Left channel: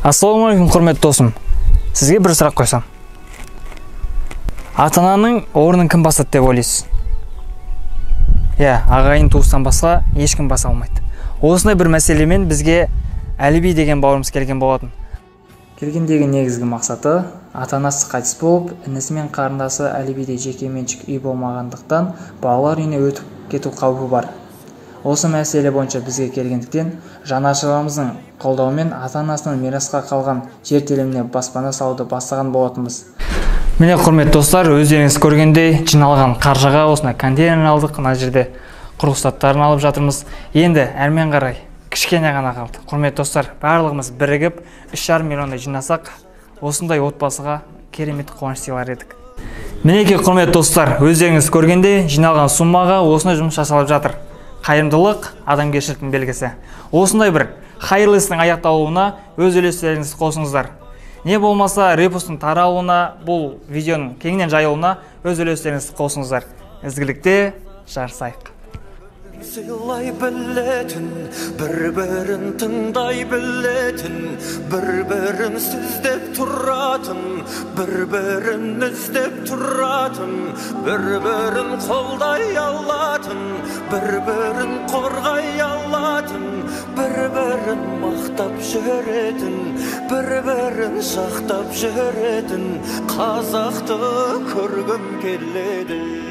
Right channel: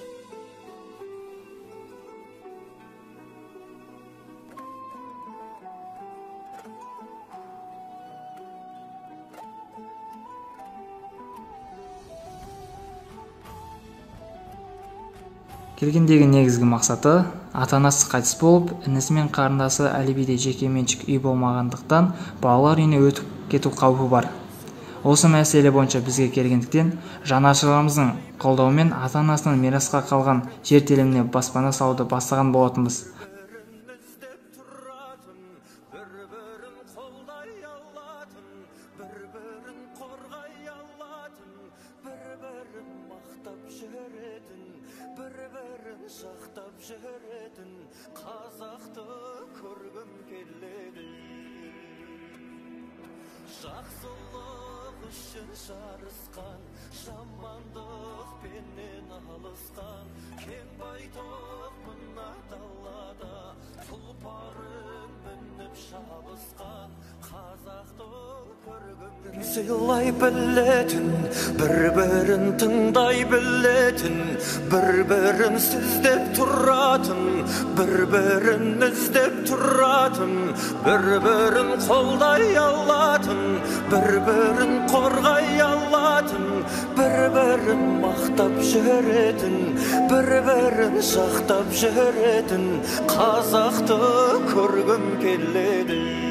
Ассалаумағалейкум, құрметті досым. Сізге бір сұрақ қойсам. Ата-ананың орнын кім басады деп ойлайсыз? Ағайын туыстан басқа ешкім баса алмайды. Осындай бір мәселемен бізге Әліби деген бауырымыз келген болатын. Келгендегі негізгі мақсаты, ата-анасы қайтыс болып, інісі мен қарындасы Әлібиде жекеменшік үй болмағандықтан балалар үйіне өтіп кету қаупі бар. Осы мәселе бойынша бізге келгендіктен жанашырларымыздың қолдауымен ата-анасының мирасқа қалған жер теліміне баспана салуды бастаған болатынбыз. Міне, құрметті достар, өздеріңіз көргендей жиналған қаржыға осындай контейнер алдық. Мына жерде құрылыстарын алып жатырмыз. Енді әрмен қарай кішкене ғана қалды. Құрметті достар, барлығымыз бірігіп 3,5 миллиондай жинасақ, осындай отбасыға керемет қуаныш сыйлар едік. Мінекей, құрметті достар, өздеріңіз көргендей жиналған суммаға осындай жұмыс жасалып жатыр. Қайырымдылық адамгершіліктің белгісі. Осындай бір хайырлы істің аяқталуына өз үлестеріңізді қосыңыздар. Не болмаса репосттың таралуына, бұл видеоның кеңінен жайылуына өз үлестеріңізді қосыңыздар. Ізгілікте жарысайық. Сыйлай білетін, бір-бірін тыңдай білетін, бір-бірін сүздеп тұратын, бір-бірін іздеп тұратын, бір-бірін қолдай алатын, бір-бірін қорғай алатын, бір-бірін мақтап жүретін, бір-бірін жақтап жүретін қазақты көргім келеді.